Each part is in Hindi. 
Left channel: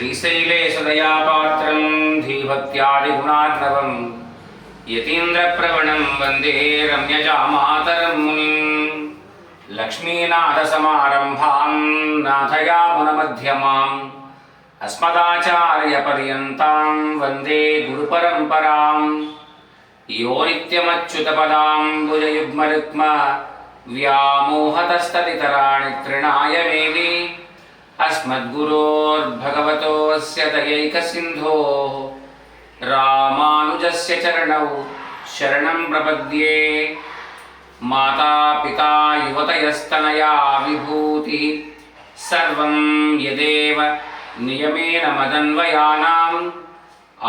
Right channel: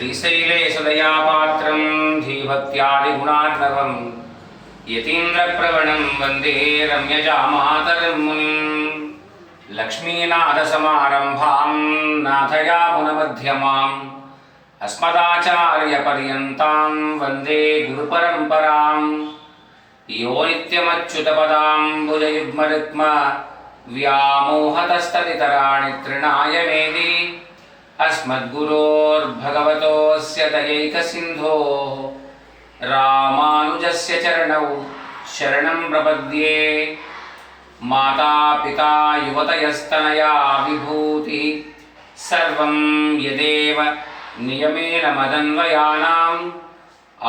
श्रीशैलेशदयापात्रं धीभक्त्यादिगुणार्णवं यतीन्द्रप्रवणं वन्दे रम्यजामातरं मुनिं लक्ष्मीनाथसमारम्भां नाथयामुनमध्यमाम् अस्मदाचार्यपर्यन्तां वन्दे गुरुपरम्परां यो नित्यमच्युतपदाम्बुजयुग्मरुक्म व्यामोहतस्तदितराणि तृणाय मेदि अस्मद्गुरोर्भगवतोऽस्य दयैकसिन्धोः रामानुजस्य चरणौ शरणं प्रपद्ये। माता पिता युवतयस्तनया विभूतिः सर्वं यदेव नियमेन मदन्वयानाम्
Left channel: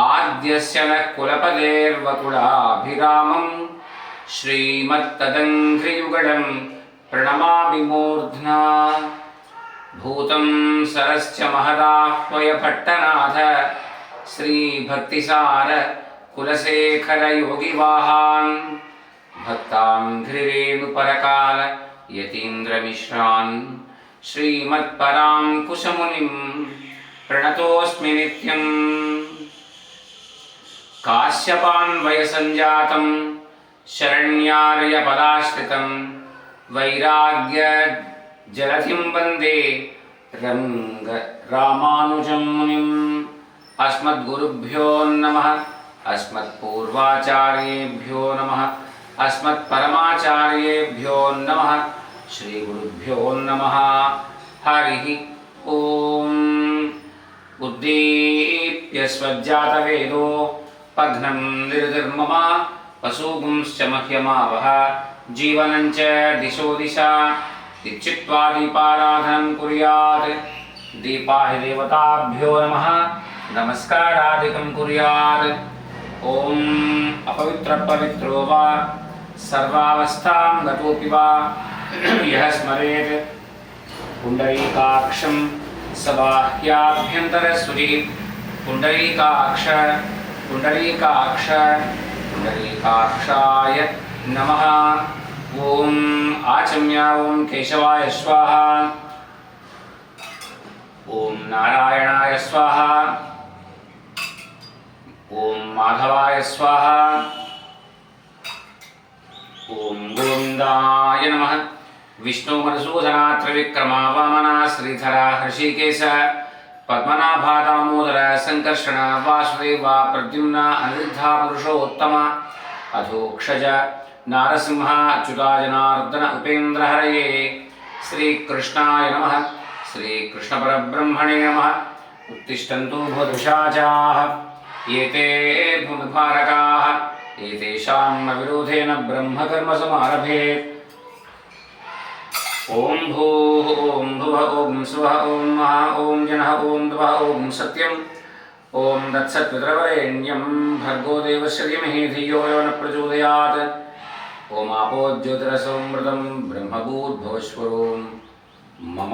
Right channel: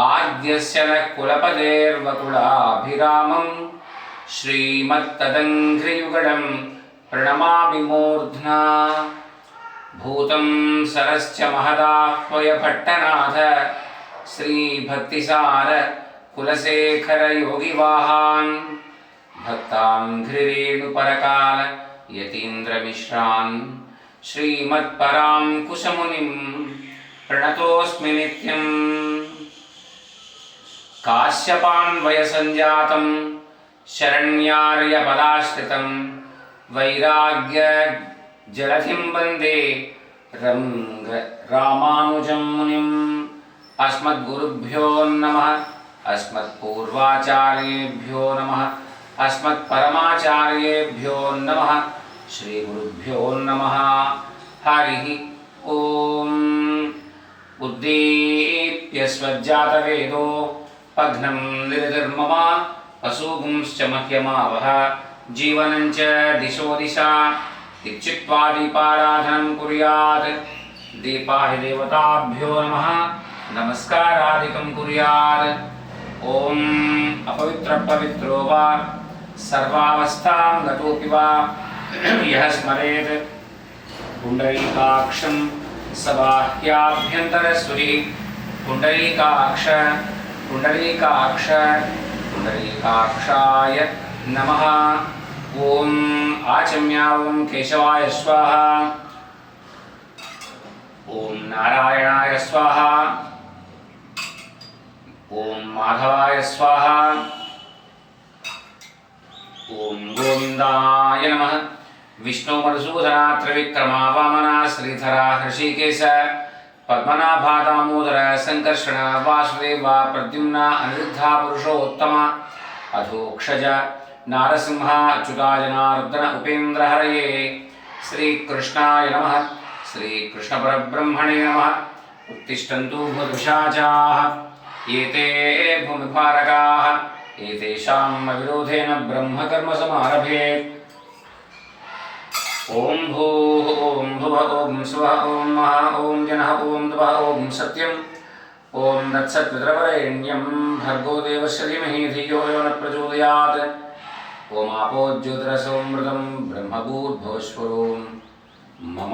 आद्यस्य नः कुलपतेर्वकुलाभिरामं श्रीमत्तदङ्घ्रियुगडं प्रणमामि मूर्ध्ना। भूतं सरश्च महदाह्वय भट्टनाथ श्रीभक्तिसार कुलशेखर योगिवाहान् भक्ताङ्घ्रिरेणुपरकाल यतीन्द्रमिश्रान् श्रीमत्पराङ्कुशमुनिं प्रणतोऽस्मि नित्यम्। काश्यपान्वयसञ्जातं शरण्यार्यपदाश्रितं वैराग्य जलधिं वन्दे रामानुजं मुनिम्। अस्मद्गुरुभ्यो नमः, अस्मत्पूर्वाचार्येभ्यो नमः, अस्मत्परमाचार्येभ्यो नमः, श्रीगुरुभ्यो नमः। हरिः ओम्। उद्दीप्य स्वज्जातवेदो पघ्नं निर्धर्मम पशुगुंश्च मह्यमावह जीवनं च दिशो दिशा दीक्षित्वा दीपाराधनं कुर्यात्। दीपाहि देवताभ्यो नमः, नमस्कारादिकं कुर्यात्। ॐ अपवित्रपवित्रो वा सर्वावस्थां गतोऽपि वा यः स्मरेत् पुण्डरीकाक्षं स बाह्याभ्यन्तरसुरी। पुण्डरीकाक्ष पुण्डरीकाक्ष पुण्डरीकाक्षाय नमः। ॐ आचम्य ॐ केशवाय स्वाहा, ॐ नारायणाय स्वाहा, ॐ माधवाय स्वाहा, ॐ गोविन्दाय नमः। विष्णु मधुसूदना त्रिविक्रमा वामना श्रीधरा हृषिकेश पद्मनाभा दामोदर संकर्षण वासुदेव प्रद्युम्न अनिरुद्धा पुरुषोत्तम अधोक्षज नारसिंह अच्युता जनार्दन उपेन्द्र हरये। श्रीकृष्णाय नमः, श्रीकृष्णपरब्रह्मणे नमः। उत्तिष्ठन्तु भूतपिशाचाः एते भूमिभारकाः एतेषां न विरोधेन ब्रह्मकर्म समारभेत्। ओम भूः ओम भुवः ओम स्वः ओम महा ओम जनः ओम तपः ओम सत्यम् ओम तत्सत्पितरवरेण्यं भर्गो देवस्य धीमहि धियो यो न प्रचोदयात्। ओम आपो ज्योतिरसोमृतं ब्रह्मभूद्भवस्वरूं मम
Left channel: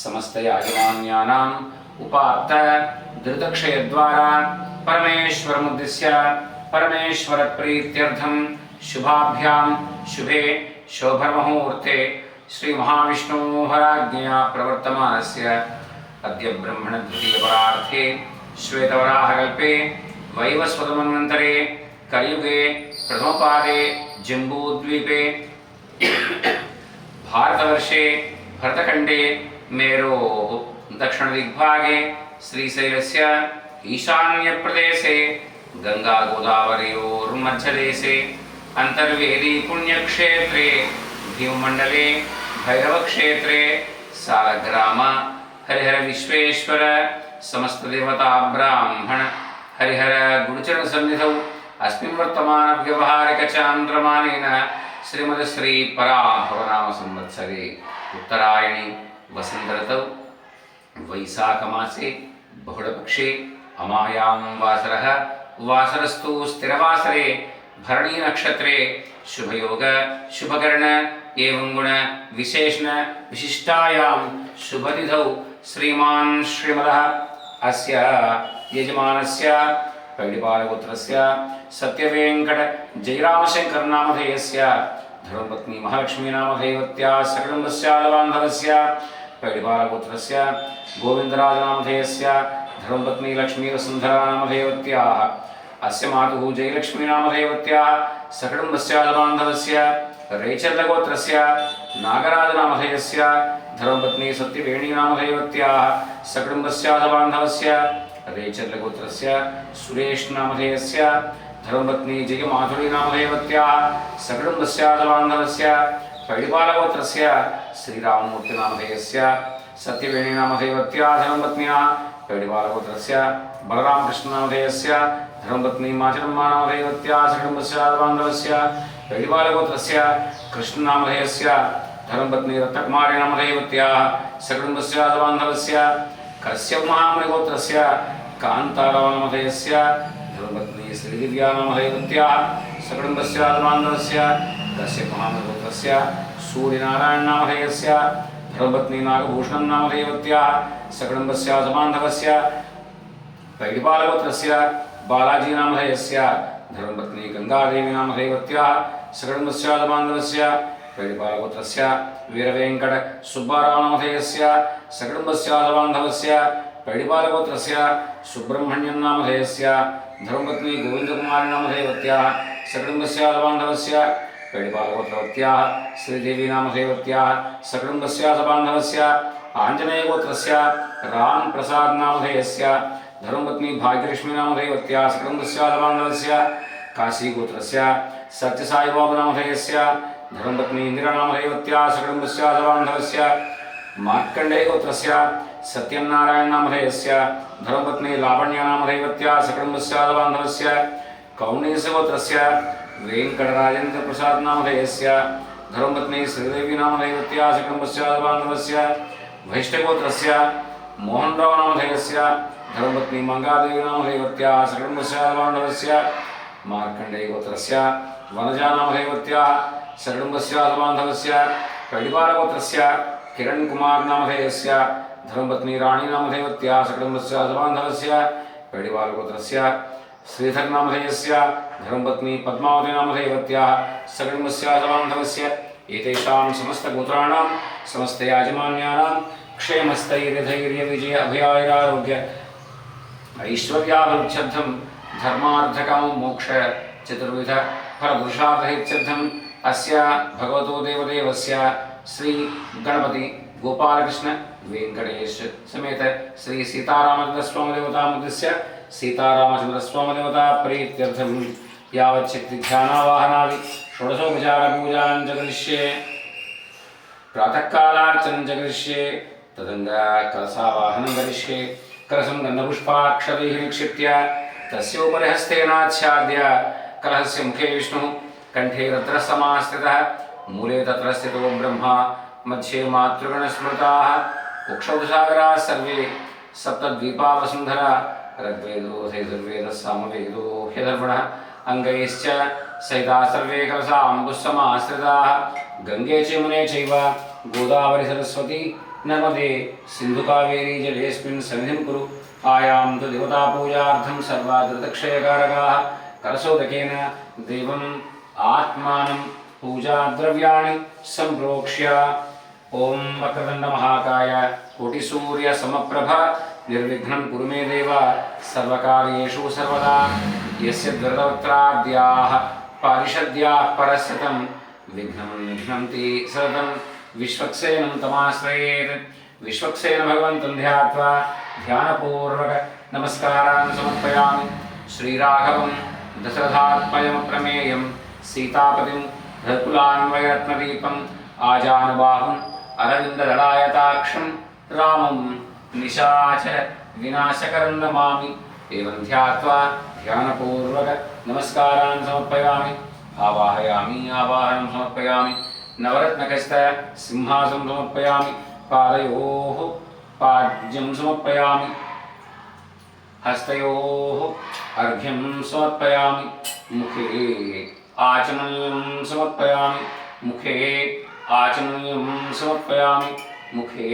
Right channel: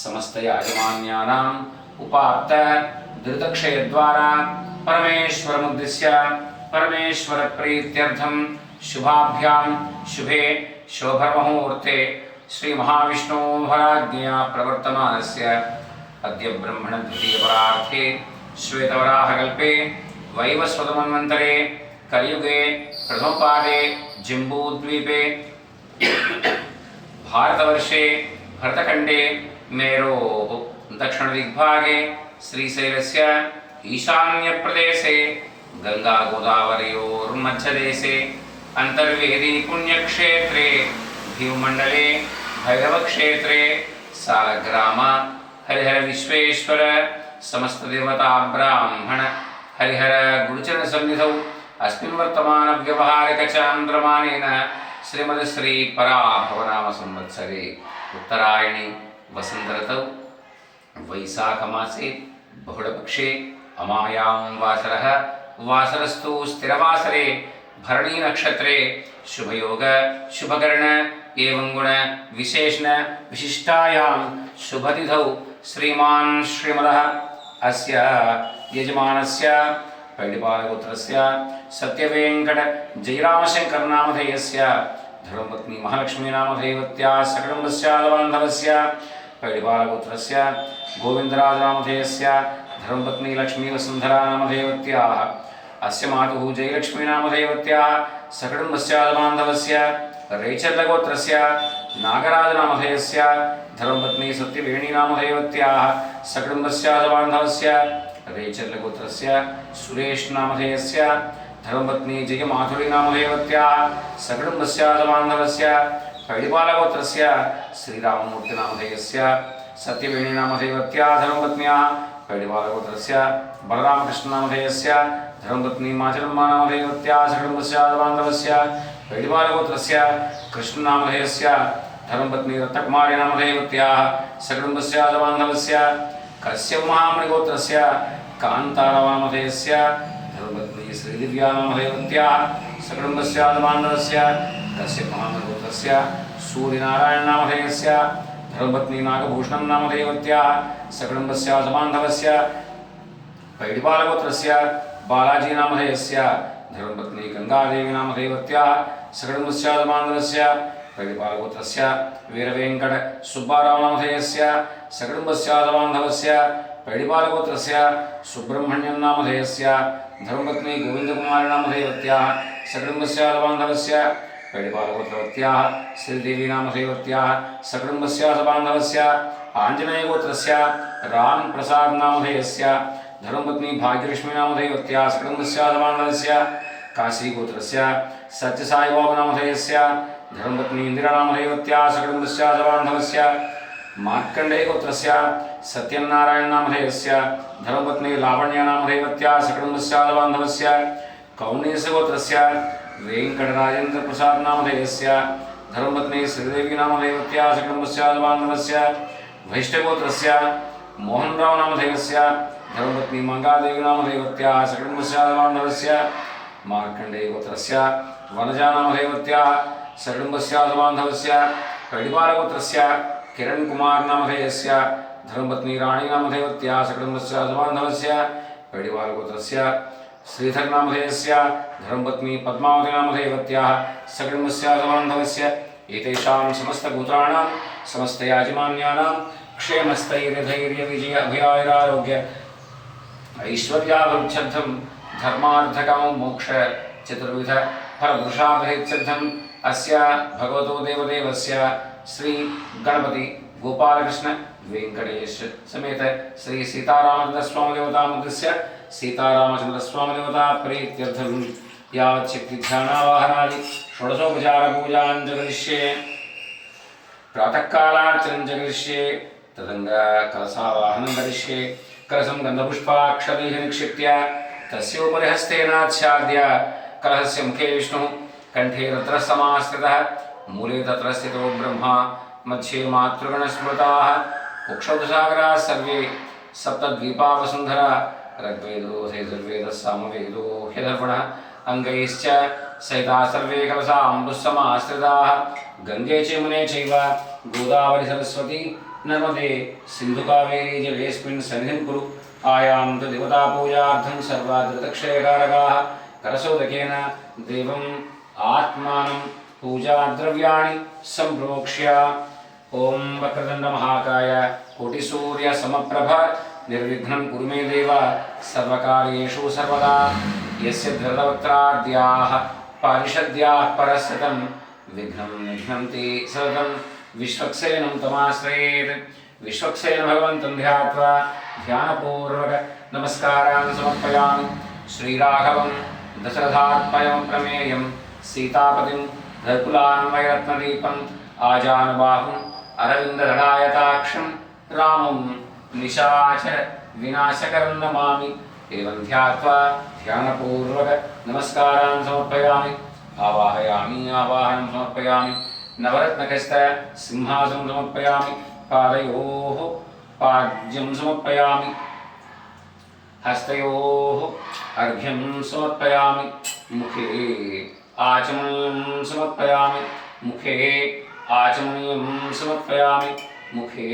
समस्तयाजमान्यानाम् उपात्त धृतक्षयद्वारा परमेश्वरमुद्दिश्य परमेश्वरप्रीत्यर्थं शुभाभ्यां शुभे शोभमुहूर्ते श्री महाविष्णोराज्ञया प्रवर्तमानस्य अद्य ब्रह्मण द्वितीयपरार्थे श्वेतवराहकल्पे वैवस्वतमन्वन्तरे कलियुगे प्रथमपादे जम्बूद्वीपे भारतवर्षे भरतखण्डे मेरोः दक्षिणदिग्भागे श्रीशैलस्य ईशान्यप्रदेशे गङ्गागोदावरयोर्मध्यदेशे अन्तर्वेदी पुण्यक्षेत्रे भीममण्डले भैरवक्षेत्रे सालग्राम हरिहर विश्वेश्वर समस्तदेवता ब्राह्मण हरिहर गुरुचरणसन्निधौ अस्मिन् वर्तमानव्यवहारिकचान्द्रमानेन श्रीमद् श्री पराभवनाम संवत्सरे उत्तरायणे वसन्तऋतौ वैशाखमासे बहुलपक्षे अमायां वासरः वासरस्तु स्थिरवासरे भरणी नक्षत्रे शुभयोग शुभकर्ण एवं गुण विशेषण विशिष्टायां शुभतिथौ श्रीमान् श्रीमदः अस्य यजमानस्य पैडिपालगोत्रस्य सत्यवेंकट जयरामशंकर नामधेयस्य धर्मपत्नी महालक्ष्मी नामधेयवत्या सकलम्बस्य बान्धवस्य पैडिपालगोत्रस्य गोविंदराज नामधेयस्य धर्मपत्नी लक्ष्मीवसुन्धरा नामधेयवत्याः अस्य मातुः जयलक्ष्मी नामधेयवत्याः सकुटुम्बस्याबान्धवस्य रेचर्लगोत्रस्य नागराजनामधेयस्य धर्मपत्नी सत्यवेणी नामधेयवत्याः सकुटुम्बस्याबान्धवस्य रेचर्लगोत्रस्य सुरेश नामधेयस्य धर्मपत्नी जयमाधुरी नामधेयवत्याः सकुटुम्बस्याबान्धवस्य पैडिपालगोत्रस्य श्रीराममूर्तिनामधेयस्य सत्यवेणी नामधेयवत्याः धर्मपत्न्याः पैडिपालगोत्रस्य बलरामकृष्णनामधेयस्य धर्मपत्नी माचरम्मा नामधेयवत्याः सकुटुम्बस्याबान्धवस्य पैडिपालगोत्रस्य कृष्णनामधेयस्य धर्मपत्नी रत्नकुमारी नामधेयवत्याः सकुटुम्बस्याबान्धवस्य कश्यपमहामुनिगोत्रस्य कान्तारनामधेयस्य धर्मपत्नी श्रीदिव्या नामधेयवत्याः सकुटुम्बस्याबान्धवस्य कश्यपमहामुनिगोत्रस्य सूर्यनारायणनामधेयस्य धर्मपत्नी नागभूषणं नामधेयवत्याः सकुटुम्बस्याबान्धवस्य पैडिपालगोत्रस्य बालाजी नामधेयस्य धर्मपत्नी गंगादेवी नामधेयवत्याः सकुटुम्बस्याबान्धवस्य पैडिपालगोत्रस्य वीरवेंकट सुब्बाराव नामधेयस्य सकुटुम्बस्याबान्धवस्य पैडिपालगोत्रस्य सुब्रह्मण्यं नामधेयस्य धर्मपत्नी गोविंदकुमारी नामधेयवत्याः सकुटुम्बस्याबान्धवस्य पैडिपालगोत्रवत्याः श्रीदेवी नामधेयवत्याः सकुटुम्बस्याबान्धवस्य आञ्जनेयगोत्रस्य रामप्रसाद नामधेयस्य धर्मपत्नी भाग्यलक्ष्मी नामधेयवत्याः सकुटुम्बस्याबान्धवस्य काशीगोत्रस्य सत्यसाईबाबा नामधेयस्य धर्मपत्नी इंदिरा नामधेयवत्याः सकुटुम्बस्याबान्धवस्य मार्कण्डेयगोत्रस्य सत्यनारायण नामधेयस्य धर्मपत्नी लावण्या नामधेयवत्याः सकुटुम्बस्याबान्धवस्य कौण्डिन्यगोत्रस्य वेंकटराजेन्द्रप्रसाद नामधेयस्य धर्मपत्नी श्रीदेवी नामधेयवत्याः सकुटुम्बस्याबान्धवस्य वैष्णवगोत्रस्य मोहनराव नामधेयस्य धर्मपत्नी मंगादेवी नामधेयवत्याः सकुटुम्बस्याबान्धवस्य मार्कण्डेयगोत्रस्य वनजा नामधेयवत्याः सकुटुम्बस्याबान्धवस्य पैडिपालगोत्रस्य किरण कुमार नामधेयस्य धर्मपत्नी राणी नामधेयवत्याः सकुटुम्बस्याबान्धवस्य पैडिपालगोत्रस्य श्रीधर नामधेयस्य धर्मपत्नी पद्मावती नामधेयवत्याः सकुटुम्बस्याबान्धवस्य एतेषां समस्तगोत्राणां समस्तयाजमान्यानां क्षेमस्थैर्यधैर्यविजय अभयायुरारोग्य ऐश्वर्याभिवृद्ध्यर्थं धर्मार्थकामं मोक्ष चतुर्विध फलपुरुषार्थहेत्यर्थम् अस्य भगवतो देवदेवस्य श्री गणपति गोपालकृष्ण वेंकटेश समेत श्री सीतारामचंद्र स्वामी देवता मंदिरस्य सीतारामचंद्र स्वामी देवता प्रीत्यर्थं यावच्छक्ति ध्यानावाहनादि षोडशोपचार पूजां जगरिष्ये प्रातः कालार्चनं जगरिष्ये तदंगा कलशावाहनं करिष्ये कलशं गन्धपुष्पाक्षतैः निक्षिप्य तस्योपरि हस्तेनाच्छाद्य कलशस्य मुखे विष्णुः कंठे रत्रसमाश्रितः मूले तत्र स्थितो ब्रह्मा मध्ये मातृगणस्मृताः कुक्षौसागराः सर्वे सप्तद्वीपा वसुन्धरा ऋग्वेदो यजुर्वेदः सामवेदो ह्यधर्वणः अङ्गैश्च सहिताः सर्वे कलशाम्बुस्समाश्रिताः गङ्गे च यमुने चैव गोदावरी सरस्वती नर्मदे सिन्धुकावेरी जलेऽस्मिन् सन्निधिं कुरु आयां तु देवतापूजार्थं सर्वादृतक्षयकारकाः कलशोदकेन देवम् आत्मानं पूजाद्रव्याणि सम्प्रोक्ष्य ओम वक्रतुंड महाकाय कोटिसूर्यसमप्रभ निर्विघ्नं कुरु मे देव सर्वकार्येषु सर्वदा यस्य द्वरवक्त्राद्याः पारिषद्याः परस्यतं विघ्नं निघ्नन्ति सततं विश्वक्सेनं तमाश्रयेत् विश्वक्सेन भगवन्तं ध्यात्वा ध्यानपूर्वक नमस्कारान् समर्पयामि श्रीराघवं दशरथात्मजं प्रमेयं सीतापतिं धकुलान्वयरत्नदीपम् आजानुबाहुम् अरविन्ददलायताक्षं रामं निशाचर विनाशकरं नमामि एवं ध्यात्वा ध्यानपूर्वक नमस्कारान् समर्पयामि आवाहयामि आवाहनं समर्पयामि नवरत्नकस्त सिंहासनं समर्पयामि पादयोः पाद्यं समर्पयामि हस्तयोः अर्घ्यं समर्पयामि मुखे आचमनीयं समर्पयामि मुखे आचमनीयं समर्पयामि मुखे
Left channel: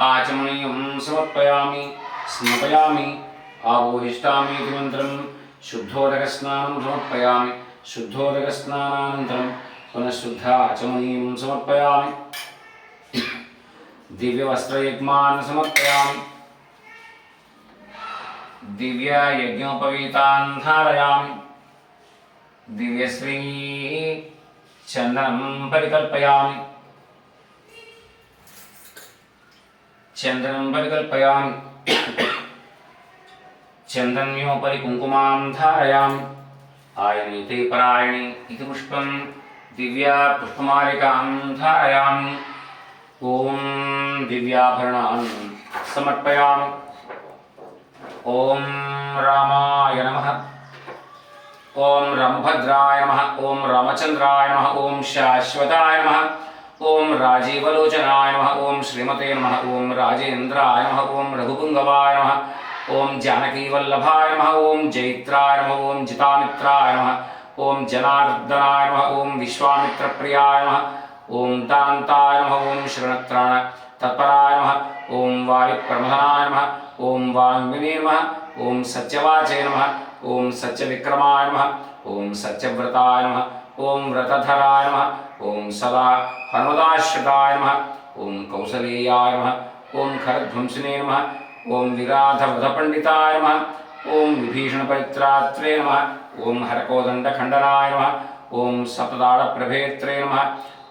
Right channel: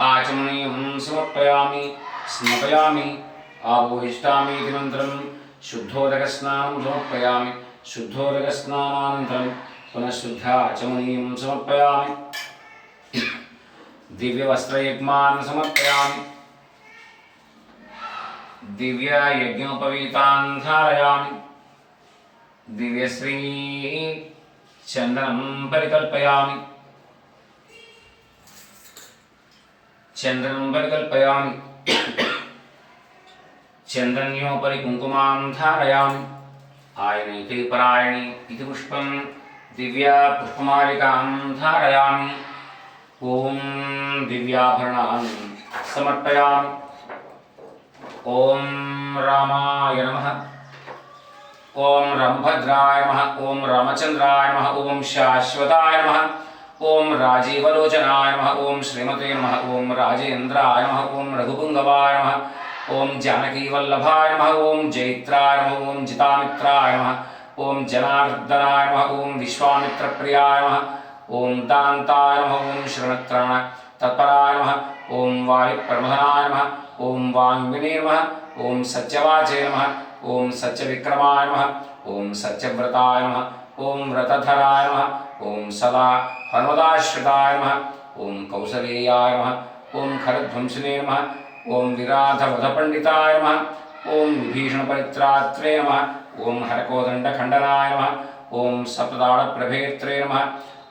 आचमनीयं समर्पयामि स्मपयामि आबोहिष्टामीति मन्त्रं शुद्धोदकस्नानं समर्पयामि शुद्धोदकस्नानानन्तरं पुनः शुद्धाचमनीयं समर्पयामि दिव्यवस्त्रयुग्मान् समर्पयामि दिव्य यज्ञोपवीतान् धारयामि। दिव्यश्री चन्दनं परिकल्पयामि। चन्दनं परिकल्पयामि। चन्दन्योपरि कुङ्कुमां धारयामि। आयनीते परायणी इति पुष्पं दिव्या पुष्पमालिकां धारयामि। ॐ दिव्याभरणान् समर्पयामि। ॐ रामाय नमः। ॐ रामभद्राय नमः। ॐ रामचन्द्राय नमः। ॐ शाश्वताय नमः। ॐ राजीवलोचनाय नमः। ॐ श्रीमते नमः। ॐ राजेन्द्राय नमः। ॐ रघुपुङ्गवाय नमः। ॐ जानकीवल्लभाय नमः। ॐ जैत्राय नमः। ॐ जितामित्राय नमः। ॐ जनार्दनाय नमः। ॐ विश्वामित्रप्रियाय नमः। ॐ दान्ताय नमः। ॐ शरणत्राण तत्पराय नमः। ॐ वायुप्रबोधनाय नमः। ॐ वाङ्मिने नमः। ॐ सत्यवाचे नमः। ॐ सत्यविक्रमाय नमः। ॐ सत्यव्रताय नमः। ॐ व्रतधराय नमः। ॐ सदा हनुमदाश्रिताय नमः। ॐ कौसलेयाय नमः। ॐ खरध्वंसिने नमः। ॐ विराधवधपण्डिताय नमः। ॐ विभीषणपरित्रात्रे नमः। ॐ हरकोदण्डखण्डनाय नमः। ॐ सप्तताडप्रभेत्रे नमः।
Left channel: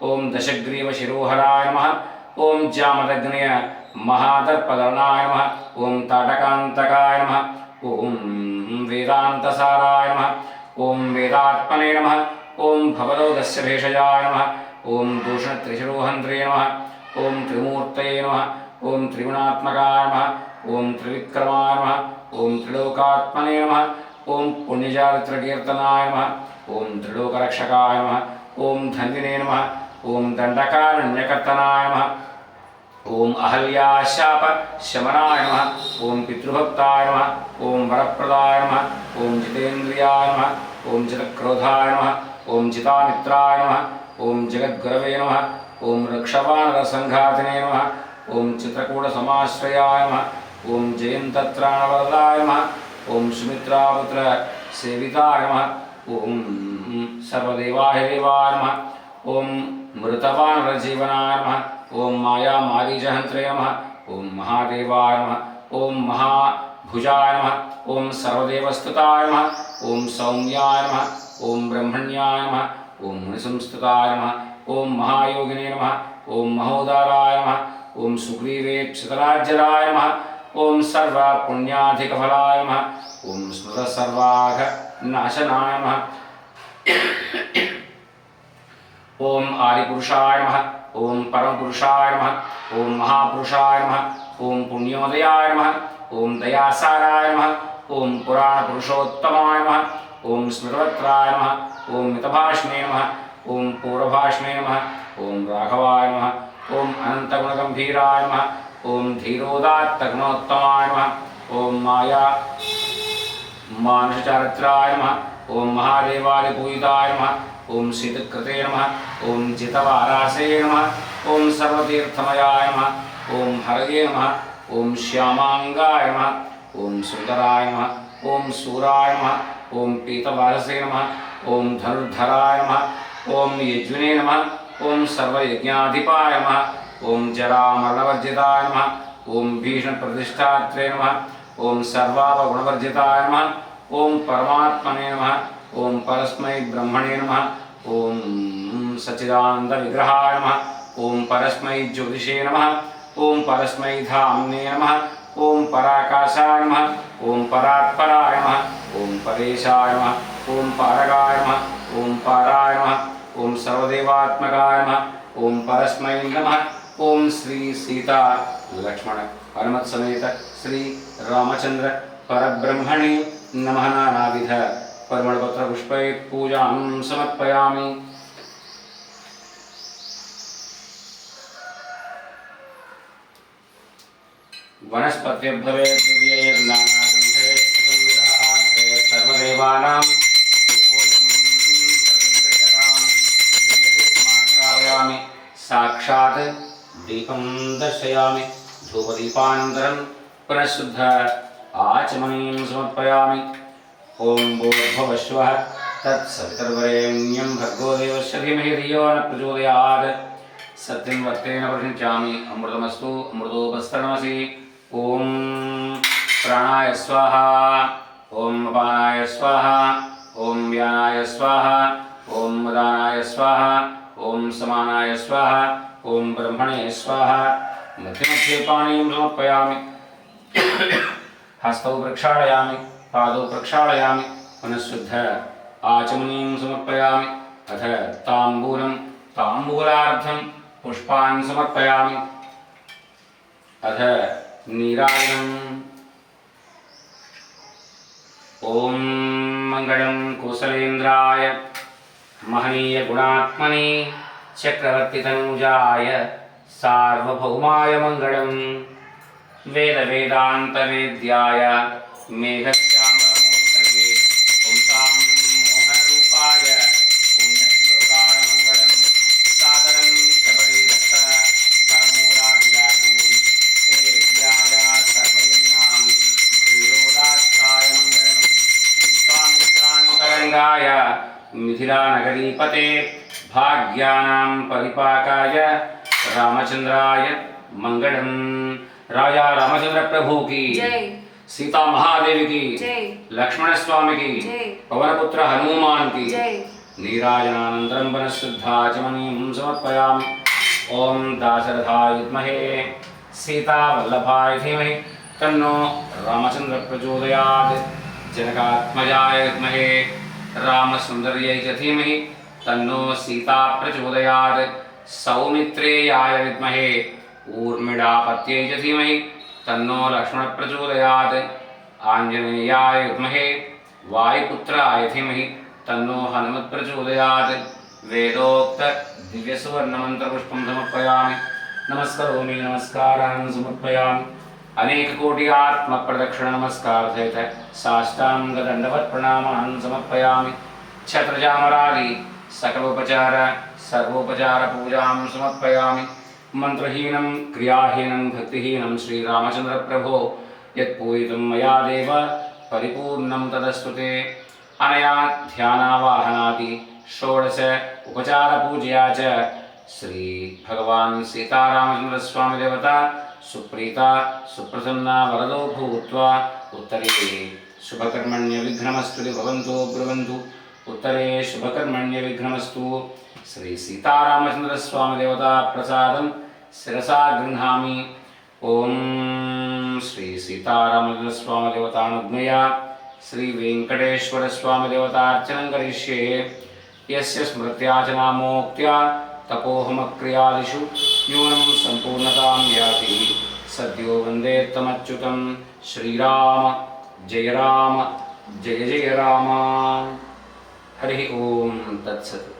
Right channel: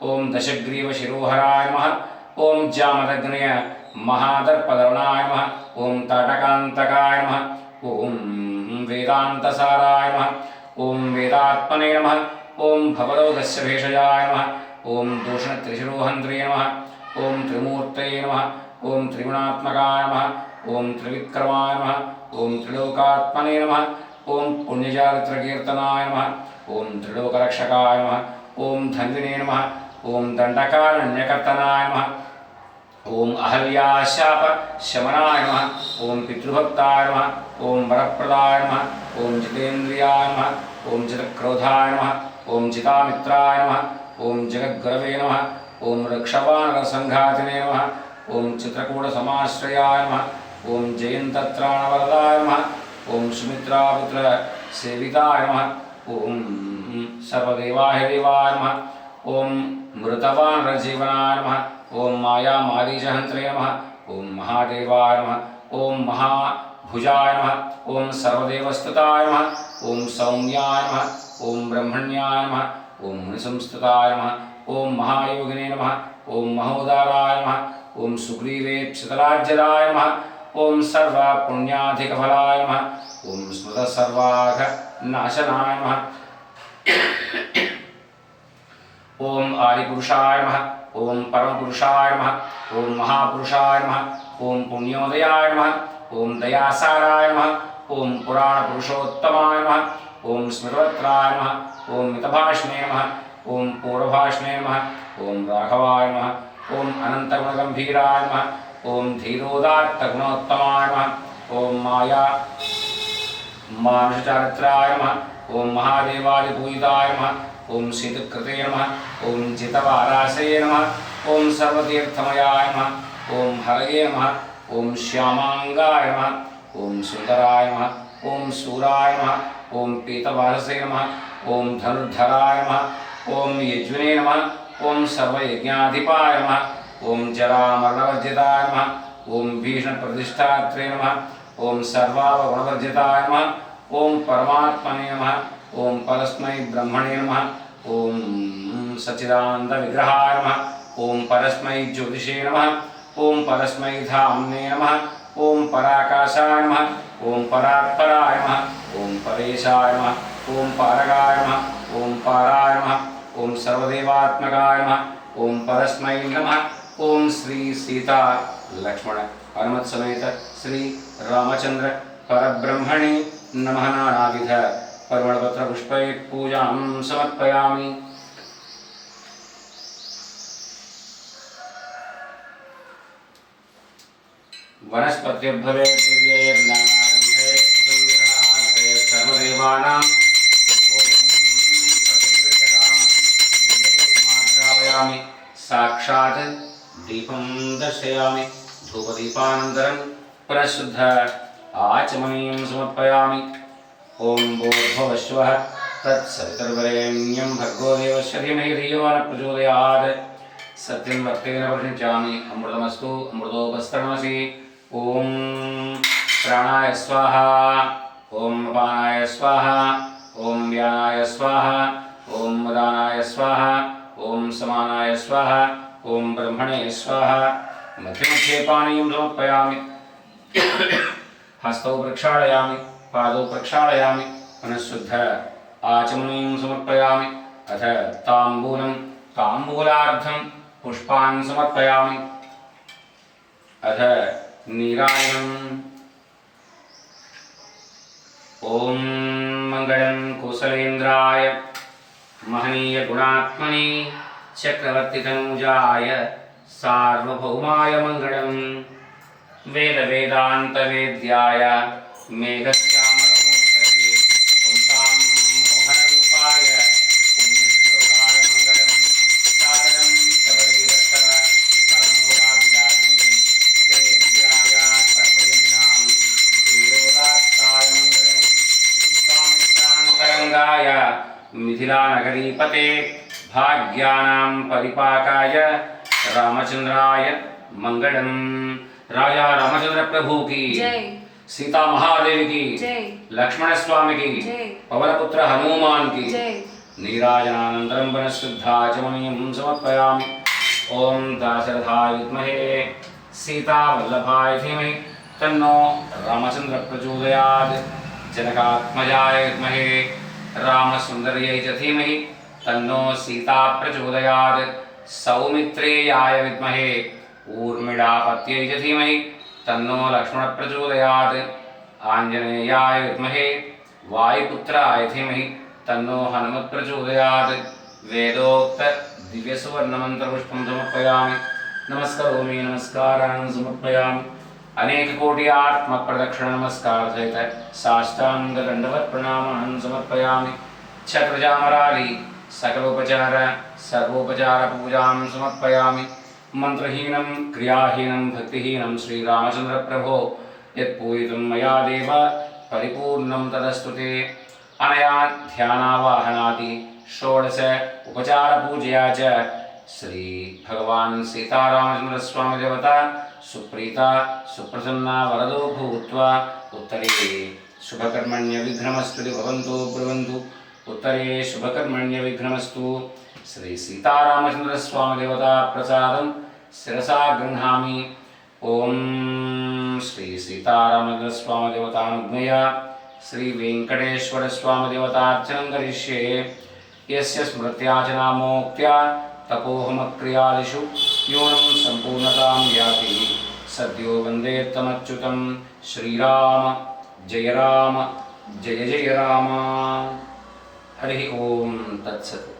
ॐ दशग्रीवशिरोहराय नमः। ॐ जामदग्नय महादर्पदर्णाय नमः। ॐ ताटकान्तकाय नमः। ॐ वेदान्तसाराय नमः। ॐ वेदात्मने नमः। ॐ भवदोदस्य भेषजाय नमः। ॐ दूषणत्रिशिरोहन्त्रे नमः। ॐ त्रिमूर्तये नमः। ॐ त्रिगुणात्मकाय नमः। ॐ त्रिविक्रमाय नमः। ॐ त्रिलोकात्मने नमः। ॐ पुण्यचारित्रकीर्तनाय नमः। ॐ त्रिलोकरक्षकाय नमः। ॐ धन्विने नमः। ॐ दण्डकारण्यकर्तनाय नमः। ॐ अहल्याशापशमनाय नमः। ॐ पितृभक्ताय नमः। ॐ वरप्रदाय नमः। ॐ जितेन्द्रियाय नमः। ॐ जितक्रोधाय नमः। ॐ जितामित्राय नमः। ॐ जगद्गुरवे नमः। ॐ रक्षवानरसङ्घातिने नमः। ॐ चित्रकूटसमाश्रयाय नमः। ॐ जयन्तत्राणवरदाय नमः। ॐ सुमित्रापुत्रसेविताय नमः। ॐ सर्वदेवाय देवाय नमः। ॐ मृतवानरजीवनाय नमः। ॐ मायामारीचहन्त्रे नमः। ॐ महादेवाय नमः। ॐ महाभुजाय नमः। ॐ सर्वदेवस्तुताय नमः। ॐ सौम्याय नमः। ॐ ब्रह्मण्याय नमः। ॐ मुनिसंस्तुताय नमः। ॐ महायोगिने नमः। ॐ महोदाराय नमः। ॐ सुग्रीवेक्षितराज्यदाय नमः। ॐ सर्वपुण्याधिकफलाय नमः। ॐ स्मृतसर्वाघनाशनाय नमः। ॐ आदिपुरुषाय नमः। ॐ परमपुरुषाय नमः। ॐ महापुरुषाय नमः। ॐ पुण्योदयाय नमः। ॐ दयासाराय नमः। ॐ पुराणपुरुषोत्तमाय नमः। ॐ स्मृतवक्त्राय नमः। ॐ मितभाषणे नमः। ॐ पूर्वभाषणे नमः। ॐ राघवाय नमः। ॐ अनन्तगुणगम्भीराय नमः। ॐ धीरोदात्तगुणोत्तमाय नमः। ॐ माया मानुषचारित्राय नमः। ॐ महादेवादिपूजिताय नमः। ॐ शीतकृते नमः। ॐ जितवारासे नमः। ॐ सर्वतीर्थमयाय नमः। ॐ हरये नमः। ॐ श्यामाङ्गाय नमः। ॐ सुन्दराय नमः। ॐ सूराय नमः। ॐ पीतवारसे नमः। ॐ धनुर्धराय नमः। ॐ यज्विने नमः। ॐ सर्वयज्ञाधिपाय नमः। ॐ जरामरणवर्जिताय नमः। ॐ भीषणप्रतिष्ठात्रे नमः। ॐ सर्वावगुणवर्जिताय नमः। ॐ परमात्मने नमः। ॐ परस्मै ब्रह्मणे नमः। ॐ सच्चिदानन्दविग्रहाय नमः। ॐ परस्मै ज्योतिषे नमः। ॐ परस्मै धाम्ने नमः। ॐ पराकाशाय नमः। ॐ परात्पराय नमः। ॐ परेशाय नमः। ॐ पारगाय नमः। ॐ पाराय नमः। ॐ सर्वदेवात्मकाय नमः। ॐ परस्मै नमः। ॐ श्री सीता लक्ष्मण हनुमत् समेत श्री रामचंद्र परब्रह्मणे नमः। नानाविध परिमलपत्रपुष्पैः पूजां समर्पयामि। वनस्पतिर्भवेत् दिव्यैर्नानागन्धैः सुगन्धिः सर्वदेवानां दिव्यपुष्पमाघ्रापयामि। साक्षात् दीपं दर्शयामि। धूपदीपानन्तरं पुनः शुद्ध आचमनीं समर्पयामि। ॐ भूर्भुवस्सुवः तत्सवितुर्वरेण्यं भर्गो देवस्य धीमहि धियो न प्रचोदयात्। सत्यं वक्तेन परिणिचामि। अमृतमस्तु अमृतोपस्तरणमसि। ॐ प्राणाय स्वाहा ओम अपानाय स्वाहा ओम व्यानाय स्वाहा ओम उदानाय स्वाहा ओम समानाय स्वाहा ओम ब्रह्मणे स्वाहा मध्ये मध्ये पानीयं समर्पयामि हस्तौ प्रक्षालयामि पादौ प्रक्षालयामि पुनः शुद्ध आचमनीं समर्पयामि अथ ताम्बूलं ताम्बूलार्धं पुष्पान् समर्पयामि अथ नीराजनम् ओम मंगलम कुशलेन्द्राय महनीय गुणात्मने चक्रवर्ती तनुजाय सार्वभौमाय मंगलम वेद वेदांत वेद्याय मेघश्यामलमूर्तये पुंसां मोहनरूपाय पुण्यश्लोकाय मंगलम सादरं सबरीदत्त परमूलाभिलाषिने सेव्याय सर्वजनां धीरोदात्ताय मंगलम विश्वामित्रान्तरङ्गाय मिथिलानगरीपते भाग्यानां परिपाकाय रामचंद्राय मंगलम। राजा रामचंद्र प्रभु की जय, सीता महादेवी की जय, लक्ष्मण स्वामी की जय, पवनपुत्र हनुमान की जय। नीराजनानन्तरं वनशुद्धाचमनीयं समर्पयामि। ओम दाशरथाय विद्महे सीतावल्लभाय धीमहि तन्नो रामचंद्र प्रचोदयात्। जनकात्मजाय विद्महे रामसुन्दर्यै च धीमहि तन्नो सीता प्रचोदयात्। सौमित्रेयाय विद्महे ऊर्मिळापत्यै च धीमहि तन्नो लक्ष्मण प्रचोदयात्। आञ्जनेयाय विद्महे वायुपुत्राय धीमहि तन्नो हनुमत् प्रचोदयात्। वेदोक्त दिव्यसुवर्णमन्त्रपुष्पं समर्पयामि। नमस्करोमि नमस्कारान् समर्पयामि। अनेककोटि आत्मप्रदक्षिण नमस्कार सहित साष्टांगदण्डवत् प्रणामान् समर्पयामि। छत्रचामरादि सकलोपचार सर्वोपचार पूजां समर्पयामि। मंत्रहीनं क्रियाहीनं भक्तिहीनं श्रीरामचंद्र प्रभो यत्पूजितं मया देव परिपूर्णं तदस्तु ते। अनया ध्यानावाहनादि षोडश उपचार पूजया च श्री भगवान् सीतारामचंद्र स्वामी देवता सुप्रीता सुप्रसन्ना वरदो भूत्वा उत्तरे शुभकर्मण्य विघ्नमस्तु भवन्तु ब्रुवन्तु। उत्तरे शुभकर्मण्य विघ्नमस्तु। श्री सीतारामचंद्र स्वामी देवता प्रसादं शिरसा गृह्णामि। ओम श्री सीतारामचंद्र स्वामी देवतानुज्ञया श्री वेंकटेश्वर स्वामी देवतार्चनं करिष्ये। यस्य स्मृत्या च नामोक्त्या तपोहमक्रियादिषु न्यूनं सम्पूर्णतां याति सद्यो वन्दे त्वमच्युतं। श्रीराम जय जय राम। हरि ओम तत्सत्।